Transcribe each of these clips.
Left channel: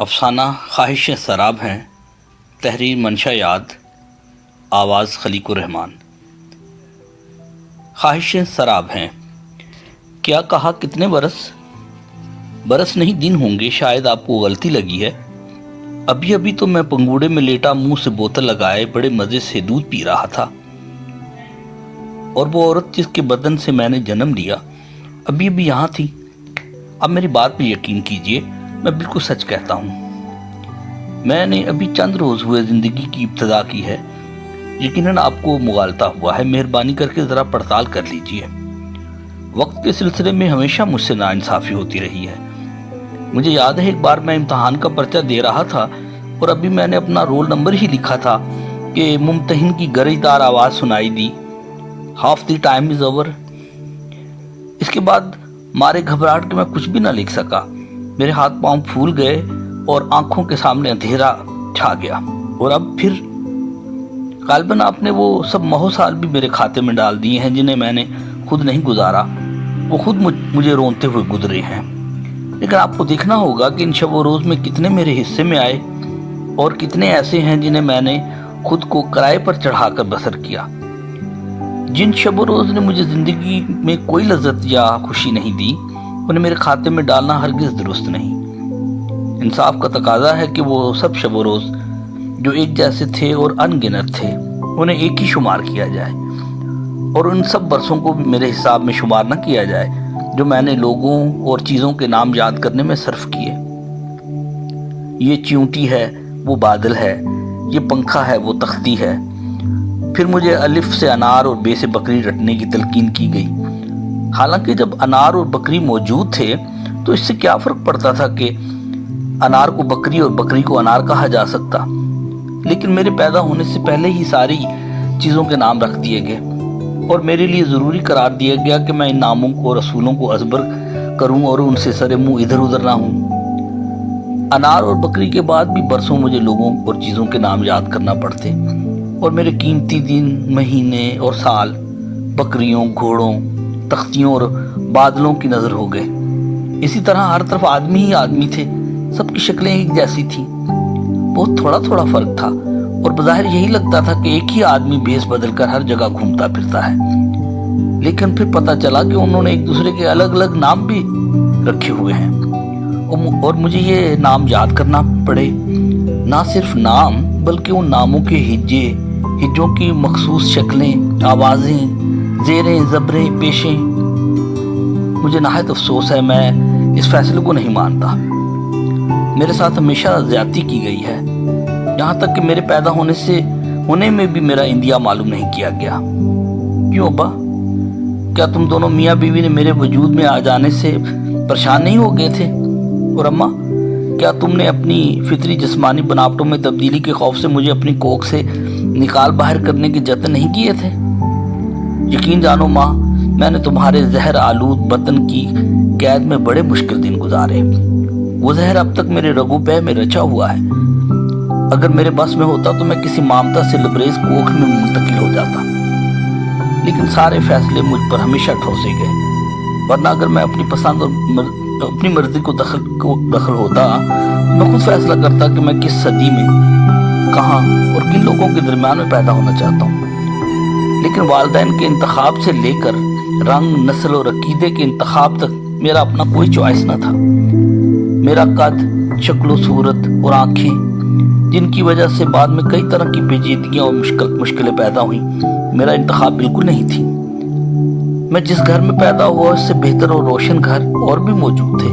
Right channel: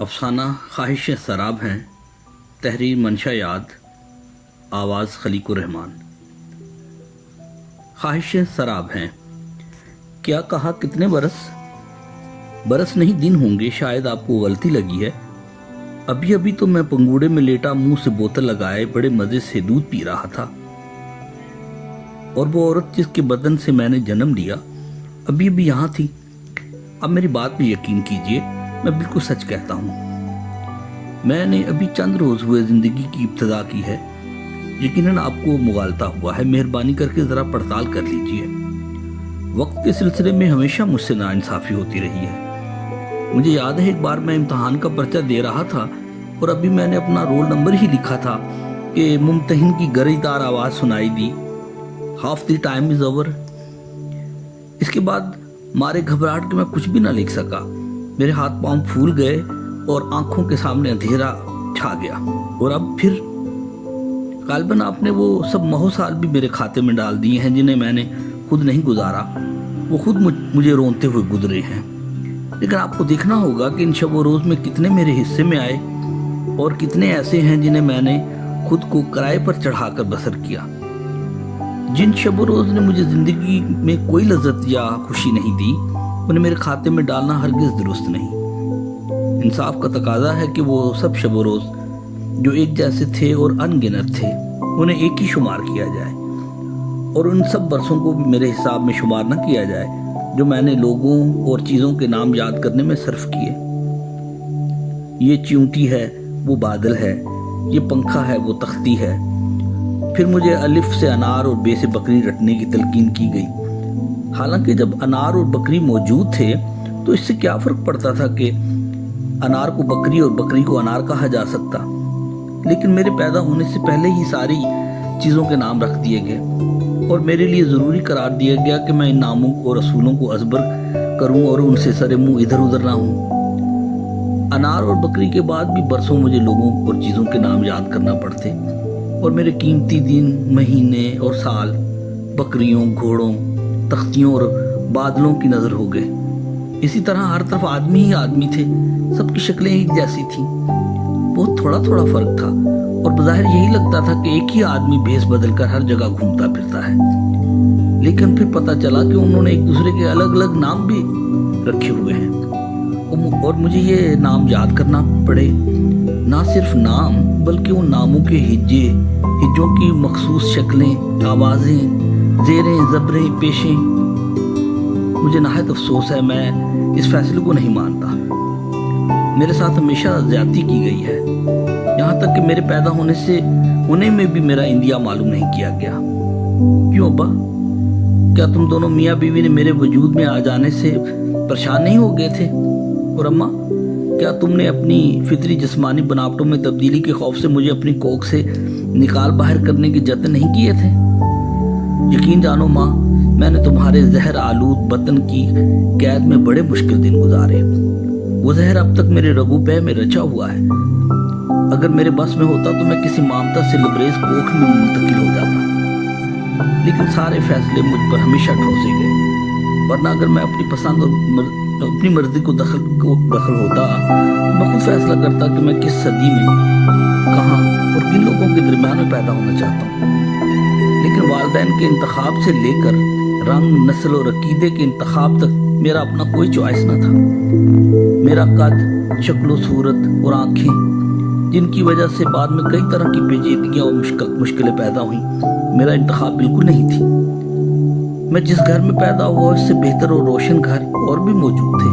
افسانہ خواہشیں سراب ہیں، تحریر منشا یاد، آواز خلیق الرحمان۔ خواہشیں سراب ہیں، کیا کہا کتنے برس نہیں دن ہوں گے، شاید آپ کو غلطی لگی ہے۔ ابھی تو میں پنگوڑے میں لیٹا منہ سے بوتل لگائے بڑے مزے سے دودھ پی رہا تھا، اور وہ عورت جس کے بدن سے میں نے جنم لیا ابھی یہاں تھی۔ اب میری بات پہ یقین کیجئے، میں بالکل سچ کہتا ہوں۔ میں نے ابھی چند روز ہوئے زندگی کی ابتدا کی ہے، یقیناً آپ کو مغالطہ ہوا ہے، مہربانی کر کے ذرا پڑتال کر لیجئے۔ وقت کے سلسلے میں ہمیشہ مجھ سے ناانصافی ہوتی رہی ہے۔ مجھے یاد ہے ایک بار میں امتحان کا پرچہ دے رہا تھا اور ابھی میں نے اپنا رول نمبر ہی لکھا تھا کہ ممتحن کی گرجدار آواز سنائی دی، half the time is over. اس کے بعد مارے گھبراہٹ کے میں کچھ بھی نہ لکھ سکا، میرے ہاتھ پاؤں پھول گئے اور آنکھوں کے سامنے اندھیرا چھا گیا۔ اور اب پھر غالباً آپ نے وہ سب مہو سال بھی میرے کھاتے میں ڈال دیے ہیں جنہیں میں نے خود نہیں گزارا، وہ خود مجھے رونتے ہوئے گزرے ہیں۔ لیکن آپ کو دیکھنا ہوگا کہ ان شب و روز میں کتنے میرے حصے میں آئے اور کتنے ایسے ہیں جنہیں میں نے خود کو کرائے پر چڑھا کر بسر کیا۔ جن شب و روز نے مجھے زندگی میں کوئی لذت یا خوشی نہیں دی، انہیں میرے کھاتے میں ڈالنا ہرگز درست نہیں۔ انصاف کا تقاضا ہے کہ وہ سب شب و روز جو ایک جیسے تھے اور ان گنت تھے، انہیں ایک ہی شمار کیا جائے، اور ان سب برسوں کو بھی میرے حساب میں شمار نہ کیا جائے جو میں نے لوگوں اور چیزوں کے نام یاد کرنے میں صرف کیے۔ یہ چیونٹی ہے، وہ بادل ہے، یہ پنکھا ہے، وہ تختی ہے۔ پھر مجھے الف سے انار اور بے سے بکری رٹنے کی تلقین کی گئی، حالانکہ جب انار اور بکری موجود تھے تو اس سے کیا فرق پڑتا تھا کہ انار کو بکری اور بکری کو انار کہا جا سکتا۔ لیکن میرے پیدا ہونے سے پہلے ہی ساری چیزوں کے نام رکھ دیے گئے، اور میرے لیے ضروری قرار دیا گیا کہ میں ان ناموں اور رسولوں کو ازبر کروں اور ان سے سر منہ ادھر ادھر نہ ہوں۔ انار اور بکری کے بعد بھی برسوں مجھے لوگوں اور چیزوں کے نام یاد کرنا پڑتے، اور میرے قیمتی دن، مہینے اور سال بکریوں، گھوڑوں، تختیوں اور بادلوں کی نظر ہو گئے۔ اسی طرح ہر طرف آدمی ہی آدمی تھے، سب کی شکلیں ایک جیسی تھیں، بہت تھوڑا فرق تھا، اور بظاہر یہی لگتا تھا کہ ایک ہی آدمی بھیس بدل کر ہر جگہ گھومتا پھرتا ہے۔ لیکن پھر پتہ چلا کہ انہوں نے ایک دوسرے کے الگ الگ نام بھی رکھے ہوئے ہیں، اور مجھے یہ نام یاد کرنا پڑے۔ نہ صرف نام بلکہ ان ناموں کے ہجوں کی مخصوص شکلیں، آوازیں، زیریں، زبریں، پیشیں۔ مجھے نہایت افسوس ہے، میں اس فیصلے کو نہیں مانتا۔ میرے ساتھ ہمیشہ زیادتی کی گئی ہے، یہاں تک کہ میرے پیدا ہونے میں بھی میرا اندیا معلوم نہیں کیا گیا۔ کیوں ابا؟ کیا تم دونوں میاں بیوی نے میرے وجود میں آ جانے سے پریشان نہیں ہو گئے تھے؟ اور اماں، کیا تم نے اپنی فطری جسمانی بناوٹوں میں تبدیلی کے خوف سے مجھے اپنی کوکھ سے نکال باہر کرنے کے جتن نہیں کیے تھے؟ یقین جانو ماں، میں نے تمہارے زہر آلود بطن کی قید میں بڑے مشکل دن گزارے۔ وہ زہر اب تک میرے رگو پہ میں رچا ہوا ہے۔ اگر میرے بس میں ہوتا تو میں کسی مامتا سے لبریز کوکھ میں منتقل ہو جاتا، لیکن سارے فیصلے مجھ پر ہمیشہ ٹھوسے گئے، ورنہ اگر میں اپنی پسند اور اپنی مرضی کو دخل ہوتا، میں خود فیصلہ کرتا کہ میں کس صدی میں، کہاں اور کن لوگوں کے درمیان میں پیدا ہونا چاہتا ہوں۔ لیکن والدین کے انتخاب سے لے کر رنگ، نسل اور عقیدے کے انتخاب تک میرا اپنا کوئی چوائس نہ تھا۔ میرا قد، شکل و صورت اور آنکھیں، جن کی وجہ سے بعد میں کئی طرح کی پیچیدگیاں اور مشکلیں پیدا ہوئیں، میرا انتخاب بالکل نہیں تھی۔ میں جس گھر میں پیدا ہوا اس سے بہتر اور روشن گھر اور بھی موجود تھے۔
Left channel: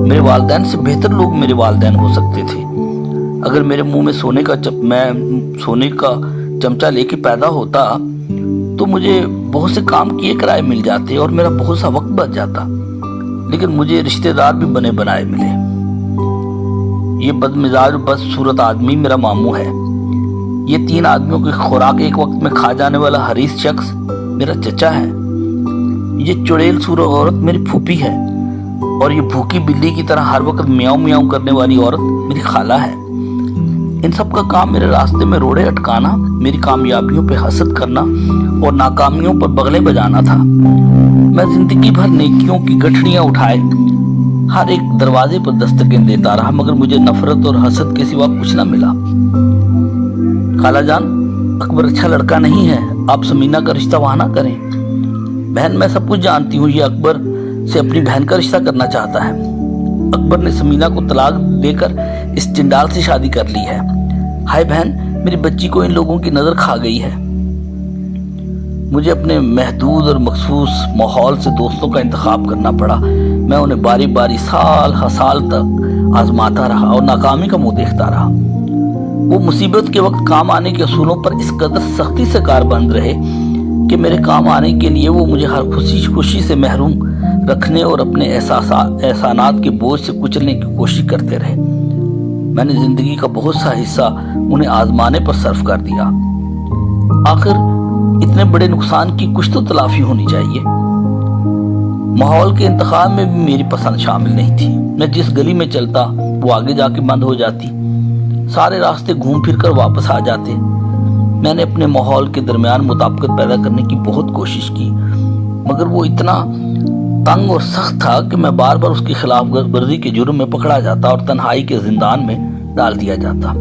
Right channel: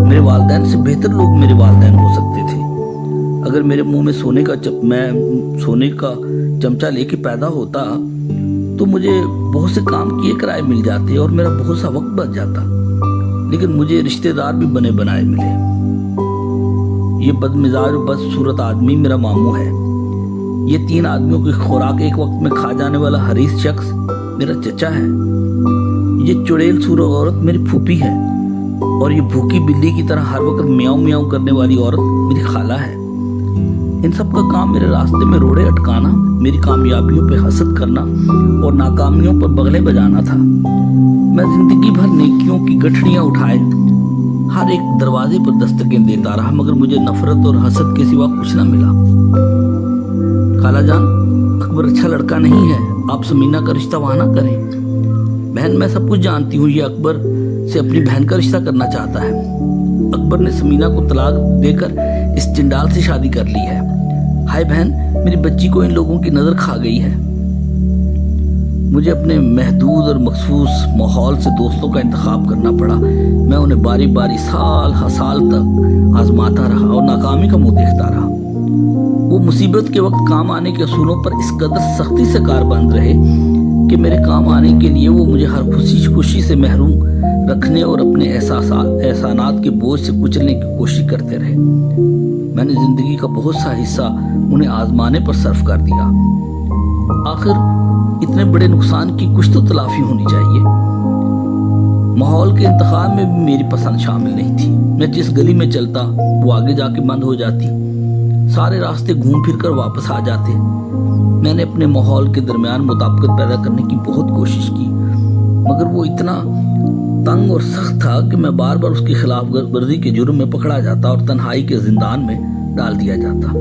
میرے والدین سے بہتر لوگ میرے والدین ہو سکتے تھے۔ اگر میرے منہ میں سونے کا چمچہ لے کے پیدا ہوتا تو مجھے بہت سے کام کیے کرائے مل جاتے اور میرا بہت سا وقت بچ جاتا، لیکن مجھے رشتہ دار بھی بنے بنائے ملے۔ یہ بد مزاج اور بد صورت آدمی میرا ماموں ہے۔ یہ 3 آدمیوں کی خوراک ایک وقت میں کھا جانے والا حریص شخص میرا چچا ہے۔ یہ چڑیل سور عورت میری پھوپھی ہے، اور یہ بھوکی بلی کی طرح ہر وقت میاؤں میاؤں کرنے والی عورت میری خالہ ہے۔ ان سب کا کام میرے راستے میں روڑے اٹکانا، میری کامیابیوں پہ حسد کرنا اور ناکامیوں پر بغلیں بجانا تھا۔ میں زندگی بھر نیکیوں کی گٹھڑیاں اٹھائے हर एक दरवाजे पर दस्तकें देता रहा, मगर मुझे नफरत और हसद के सिवा कुछ न मिला। खाला जान, अकबर अच्छा लड़का नहीं है, आप समीना का रिश्ता वहां ना करें। बहन, मैं सब कुछ जानती हूँ, ये अकबर से अपनी बहन का रिश्ता करना चाहता है। अकबर ने समीना को तलाक देकर इस चिंडाल से शादी कर ली है। हाय बहन, मेरी बच्ची को इन लोगों की नजर खा गई है। मुझे अपने महदूद और मखसूस माहौल से दोस्तों का इंतखाब करना पड़ा। मैं उन्हें बारी बारी साल हर साल तक आजमाता रहा और नाकामी का मुंह देखता रहा। वो मुसीबत के वक्त काम आने के असूलों पर इस कदर सख्ती से कारबंद रहे कि मेरे काम आने के लिए वो मुझे हर खुशी से महरूम रखने और अपने एहसानात के बोझ से कुचलने की कोशिश करते रहे। मैंने जिंदगी का बहुत सा हिस्सा उन्हें आजमाने पर सर्फ कर दिया। आखिर इतने बड़े नुकसान की कुछ तो तलाफी होनी चाहिए। माहौल के इंतखाब में भी मेरी पसंद शामिल नहीं थी। मैं जिस गली में चलता वो आगे जाके बंद हो जाती, सारे रास्ते घूम फिर कर वापस आ जाते। मैंने अपने माहौल के दरमियान मुताबिकत पैदा करने की बहुत कोशिश की, मगर वो इतना तंग और सख्त था कि मैं बार बार उसकी खिलाफ वर्जी के जुर्म में पकड़ा जाता और तन्हाई के जिंदान में डाल दिया जाता।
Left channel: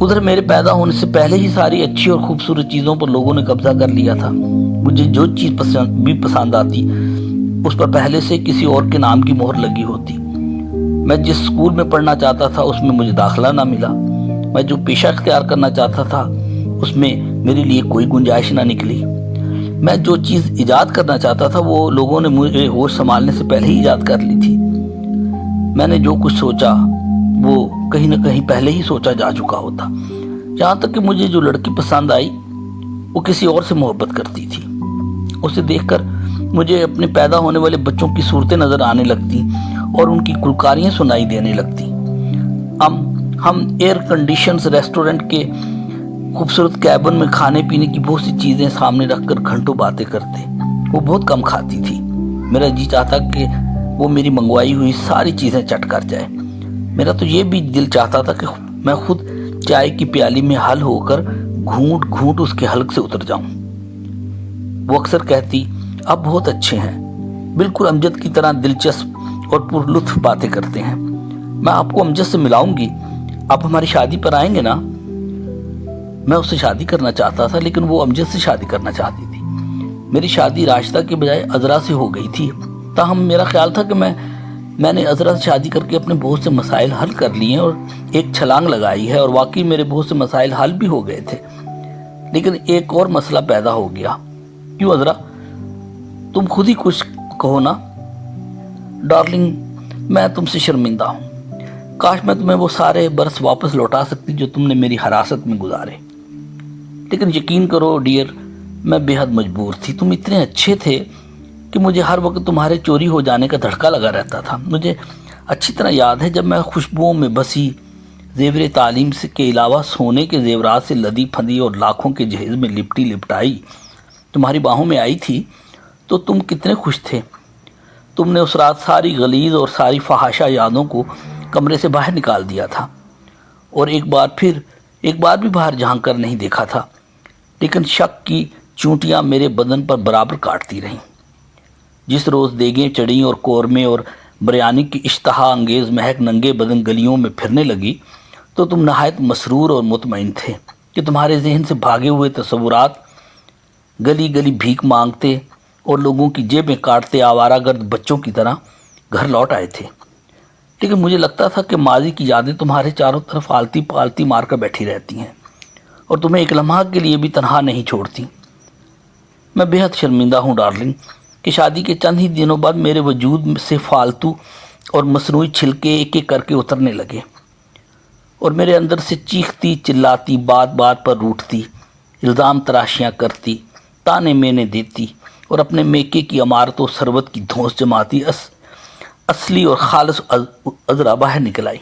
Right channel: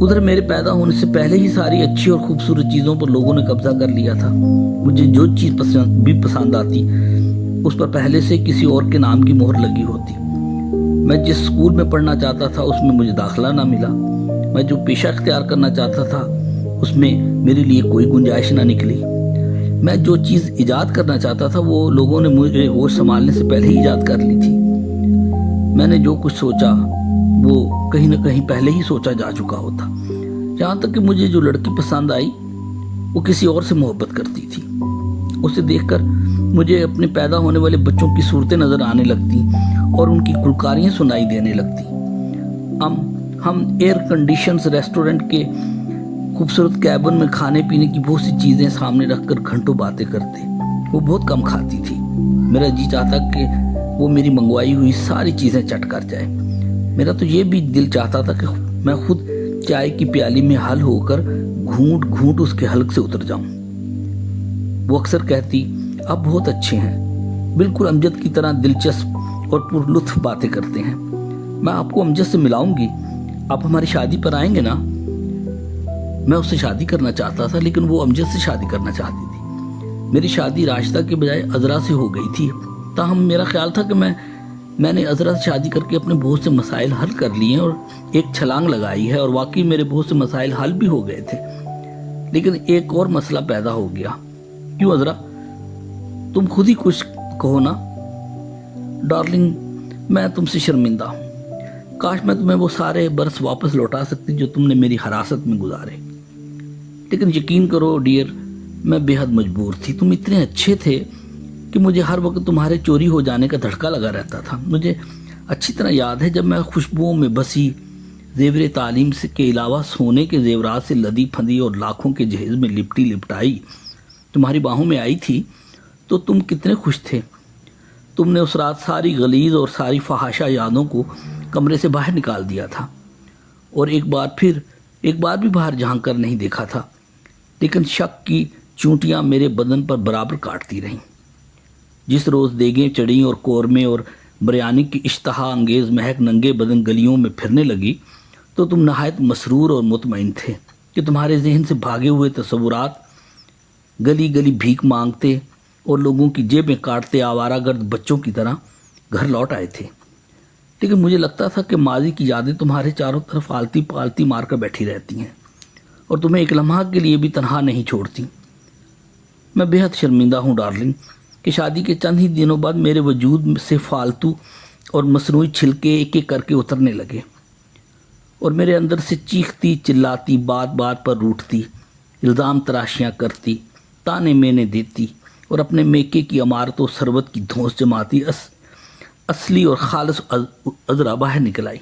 उधर मेरे पैदा होने से पहले ही सारी अच्छी और खूबसूरत चीज़ों पर लोगों ने कब्जा कर लिया था। मुझे जो चीज़ पसंद आती उस पर पहले से किसी और के नाम की मोहर लगी होती। मैं जिस स्कूल में पढ़ना चाहता था उसमें मुझे दाखिला ना मिला। मैं जो पेशा इख्तियार करना चाहता था उसमें मेरे लिए कोई गुंजाइश ना निकली। मैं जो चीज़ ईजाद करना चाहता था वो लोगों ने मुझे होश संभालने से पहले ही ईजाद कर ली थी। मैंने जो कुछ सोचा वो कहीं ना कहीं पहले ही सोचा जा चुका होता। यहाँ तक कि मुझे जो लड़की पसंद आई वो किसी और से मोहब्बत करती थी। उसे देखकर मुझे अपने पैदा होने वाले बच्चों की सूरतें नजर आने लगती और उनकी गुलकारियाँ सुनाई देने लगती। हम एयर कंडीशंस रेस्टोरेंट के खूबसूरत कैबिन में खाने पीने की बहुत सी चीज़ें सामने रखकर घंटों बातें करते। वो बहुत कम खाती थी। मेरा जी चाहता कि वो मेरी मंगवाई हुई सारी चीज़ें चट कर जाए। मेरा तो ये भी दिल चाहता था कि मैं खुद चाय की प्याली में हल होकर घूंट घूंट उसके हलक से उतर जाऊं। वो अक्सर कहती, आप बहुत अच्छे हैं, बिल्कुल अमजद की तरह दिलचस्प और पुरलुत्फ बातें करते हैं। मैं आपको अमजद से मिलाऊंगी, आप हमारी शादी पर आएंगे ना। मैं उससे शादी करना चाहता था, लेकिन वो अमजद से शादी करना चाहती थी। मेरी शादी राशिदा के बजाय अजरा से हो गई थी। ताहम मेरा ख्याल था कि मैंने अजरा से शादी करके अपने बहुत से मसाइल हल कर लिए और एक छलांग लगाई है, और वाकई मेरे बहुत से मसाइल हल भी हो गए थे। लेकिन एक और मसला पैदा हो गया। क्यों अजरा, तुम खुद ही कुछ कहो ना। डार्लिंग, मैं तुमसे शर्मिंदा हूँ। काश मैं तुम्हें वो सारे बरस वापस लौटा सकती जो तुमने मेरी हिरासत में गुजारे। लेकिन यकीन करो डियर, मैं बेहद मजबूर थी। तुम इतने अच्छे थे कि मुझे हर वक्त तुम्हारे चोरी हो जाने का धड़का लगा रहता था। मुझे अच्छी तरह याद है जब मैं खुशबुओं में बसी जेवर तालीम से के अलावा सोने के जेवरात से लदी फंदी और लाखों के जहेज में लिपटी लिपटाई तुम्हारी बाहों में आई थी तो तुम कितने खुश थे। तुमने उस रात सारी गलीज और सारी फहाशा यादों को कमरे से बाहर निकाल दिया था और एक बार भी बाहर झांक कर नहीं देखा था। लेकिन शक की चूंटियां मेरे बदन पर बराबर काटती रहीं। जिस रोज़ देगें चढ़ी और कौरमे और बिरयानी की इश्तहा अंगेज़ महक नंगे बदन गलियों में फिरने लगी तो तुम नहायत मसरूर और मुतमईन थे कि तुम्हारे जहन से भागे हुए तस्वुरात गली गली भीख मांगते और लोगों की जेबें काटते आवारागर्द बच्चों की तरह घर लौट आए थे। लेकिन मुझे लगता था कि माजी की यादें तुम्हारे चारों तरफ आलती पालती मार कर बैठी रहती हैं और तुम्हें एक लम्हा के लिए भी तनहा नहीं छोड़ती। मैं बेहद शर्मिंदा हूँ डार्लिंग कि शादी के चंद ही दिनों बाद मेरे वजूद से फालतू और मसनूई छिलके एक एक करके उतरने लगे और मेरे अंदर से चीखती चिल्लाती बात बात पर रूठती इल्ज़ाम तराशियाँ करती ताने मेने देती और अपने मेके की अमारतों सरबत की धौंस जमाती असली और खालिस अजरा बाहर निकल आई।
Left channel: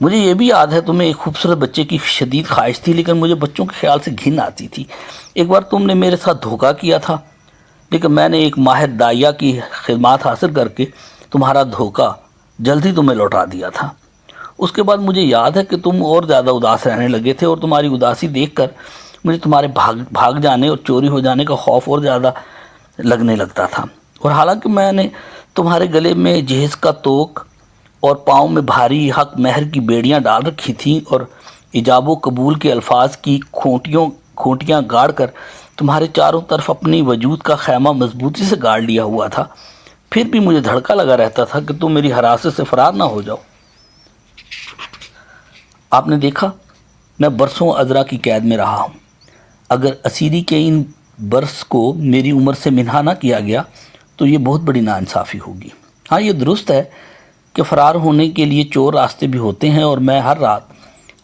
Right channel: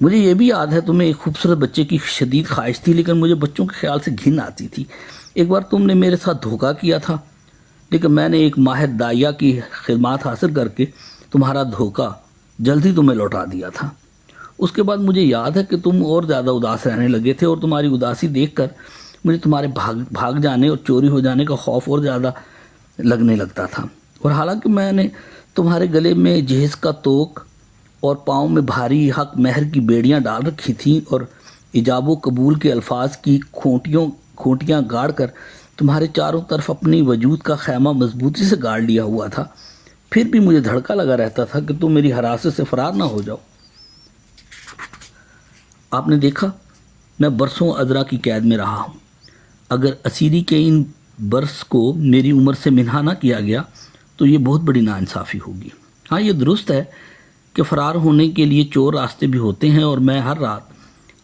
मुझे ये भी याद है तुम्हें एक खूबसूरत बच्चे की शदीद ख्वाहिश थी, लेकिन मुझे बच्चों के ख्याल से घिन आती थी। एक बार तुमने मेरे साथ धोखा किया था, लेकिन मैंने एक माहिर दाइया की खिदमत हासिल करके तुम्हारा धोखा जल्द ही तुम्हें लौटा दिया था। उसके बाद मुझे याद है कि तुम और ज़्यादा उदास रहने लगे थे और तुम्हारी उदासी देखकर मुझे तुम्हारे भाग जाने और चोरी हो जाने का खौफ और ज़्यादा लगने लगता था। और हालांकि मैंने तुम्हारे गले में जहेज का तोक और पाँव में भारी हक महर की बेड़ियां डाल रखी थीं और इजाबो कबूल के अल्फाज की खोटियां गाड़ कर तुम्हारे चारों तरफ अपनी वजूद का खैमा मजबूती से गाड़ लिया हुआ था, फिर भी मुझे धड़का लगा रहता था कि तुम मेरी हिरासत से फरार ना हो जाओ। आपने देखा, मैं बरसों अजरा की कैद में रहा हूँ। अगर असीरी के इन बरस को मेरी उम्र से मिन्हा ना किया गया तो ये बहुत बड़ी नाइंसाफ़ी होगी। हाँ, ये दुरुस्त है कि फ़रार होने के लिए चोर रास्ते भी होते हैं और मैं हर रात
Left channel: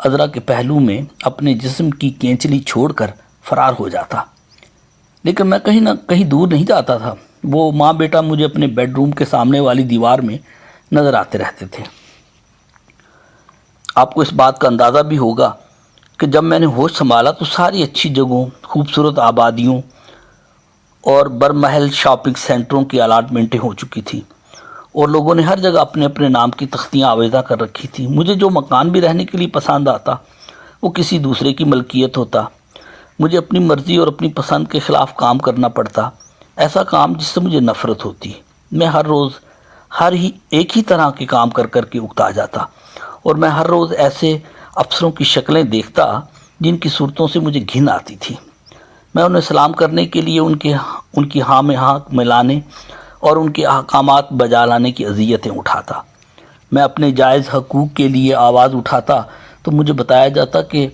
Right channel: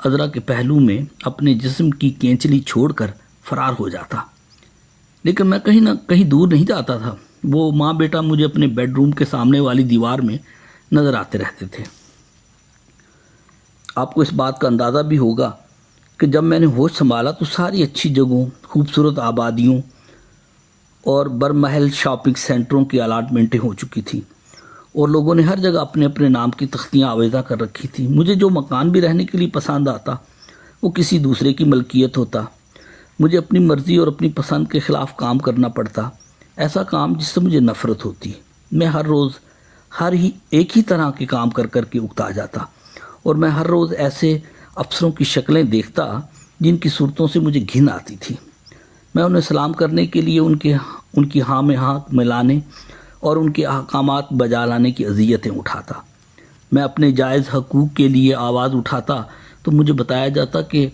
अजरा के पहलू में अपने जिस्म की केंचली छोड़कर फ़रार हो जाता, लेकिन मैं कहीं ना कहीं दूर नहीं जाता था। वो माँ बेटा मुझे अपने बेडरूम के सामने वाली दीवार में नज़र आते रहते थे। आपको इस बात का अंदाज़ा भी होगा कि जब मैंने होश संभाला तो सारी अच्छी जगहों, खूबसूरत आबादियों और बरमहल शॉपिंग सेंटरों की अलाटमेंटें हो चुकी थी और लोगों ने हर जगह अपने अपने नाम की तख्तियाँ आवेज़ा कर रखी थी। मुझे जो मकान भी रहने के लिए पसंद आता वो किसी दूसरे की मलकियत होता। मुझे अपनी मर्ज़ी और अपनी पसंद के ख़िलाफ़ काम करना पड़ता, ऐसा काम जिससे मुझे नफ़रत होती। मैं हर रोज़ एक ही तरह के काम कर कर के उकता जाता और मैं हर रोज़ ऐसे अफसरों की शक्लें देखता जिनकी सूरतों से मुझे घिन आती थी। मैं उन्हें सलाम करने के लिए उनकी हाँ में हाँ मिलाने और उनके अहकामात बजा लाने की अज़ियतें उठाता। मैं अपने जायज़ हकूक़ के लिए आवाज़ उठाता तो मुझे बताया जाता कि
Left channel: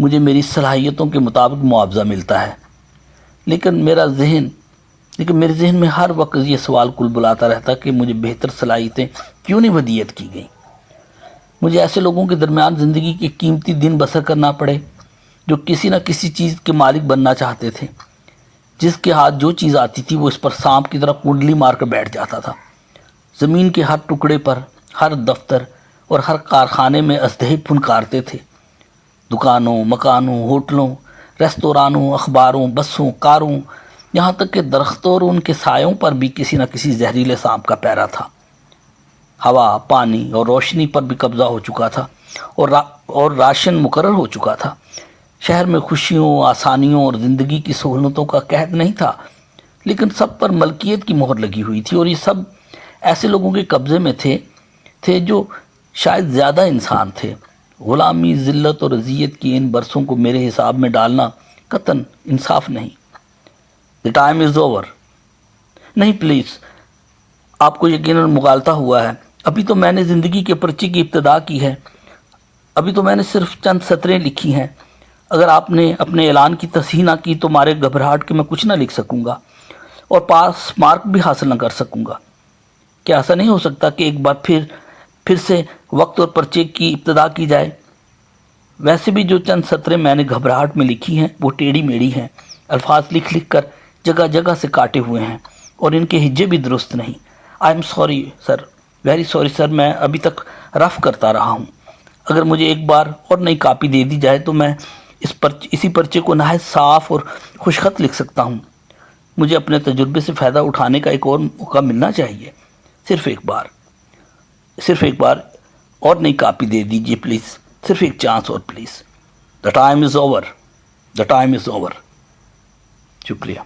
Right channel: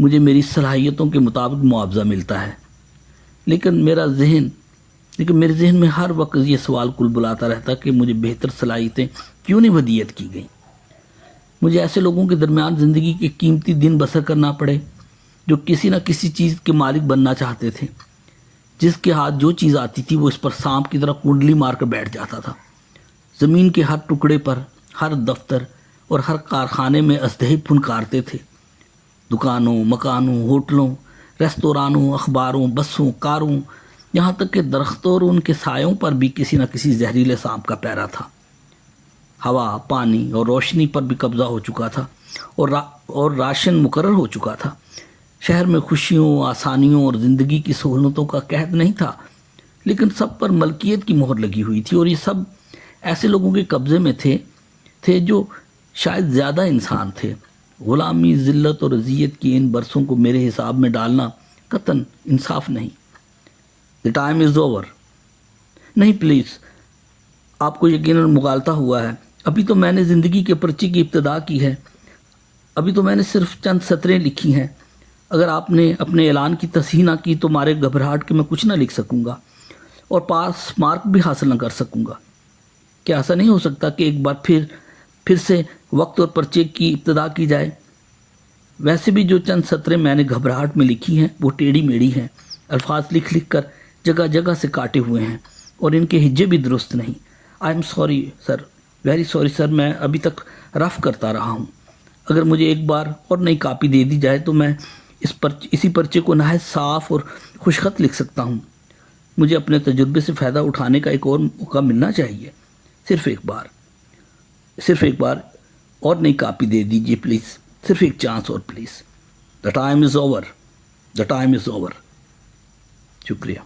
मुझे मेरी सलाहियतों के मुताबिक मुआवजा मिलता है, लेकिन मेरे जहन में हर वक्त ये सवाल कुलबुलाता रहता कि मुझे बेहतर सलाहियतें क्यों नहीं हदीयत की गई। मुझे ऐसे लोगों के दरमियान ज़िंदगी के कीमती दिन बसर करना पड़े जो किसी न किसी चीज़ के मालिक बनना चाहते थे। जिसके हाथ जो चीज़ आती थी वो इस पर सांप की तरह कुंडली मार कर बैठ जाता था। ज़मीन के हर टुकड़े पर, हर दफ्तर और हर कारखाने में अजदहे फुनकारते थे। दुकानों, मकानों, होटलों, रेस्तोरानों, अखबारों, बसों, कारों, यहाँ तक कि दरख्तों और उनके सायों पर भी किसी न किसी जहरीले सांप का पैरा था। हवा, पानी और रोशनी पर भी कब्ज़ा हो चुका था और राशन मुकर्रर हो चुका था। शहर में खुशियों, आसानियों और ज़िंदगी की सहूलतों का कहत नहीं था, लेकिन सब पर मलकियत की मोहर लगी हुई थी और ये सब ऐसे लोगों के कब्ज़े में थे जो शायद ज़्यादा इंसान थे। ग़ुलामी, ज़िल्लत और अज़ियत की इन बरसों को मेरे हिसाब में डालना कतन इंसाफ नहीं। The time is over. नहीं प्लीज़, आपको यकीनन मुगालता हुआ है। अभी तो मैंने ज़िंदगी के पर्चे की इब्तिदा की है। अभी तो मैंने सिर्फ चंद सतरें लिखी हैं। अगर आपने अपने ऐलान की तस्हीह ना की तो मारे घबराहट के मैं कुछ ना लिख सकूँगा और पास मार्क भी हासिल ना कर सकूँगा। क्या ऐसा नहीं हो सकता कि एक बार फिर से वक्त और पर्चे की इब्तिदा की जाए? वैसे भी जो चंद सतरें मैंने घबराहट में लिखी हैं वो टेढ़ी मेढ़ी हैं, अल्फाज लिख लिख कर जगह जगह से काटे हुए हैं और इनके हिज्जे भी दुरुस्त नहीं। I am sorry sir, very sorry sir, मैं अभी तक रफ़ करता रहा हूँ। अगर मुझे एक बार और नई कापी दे दी जाए तो मैं इसी पर्चे को नहायत साफ़ और खुशखत लिख सकता हूँ। मुझे अपने तजुर्बे से फ़ायदा उठाने का एक और मौका मिलना चाहिए। सिर्फ़ एक बार और नई कापी दे दीजिए प्लीज़, सिर्फ एक चांस और please. The time is over. शुक्रिया।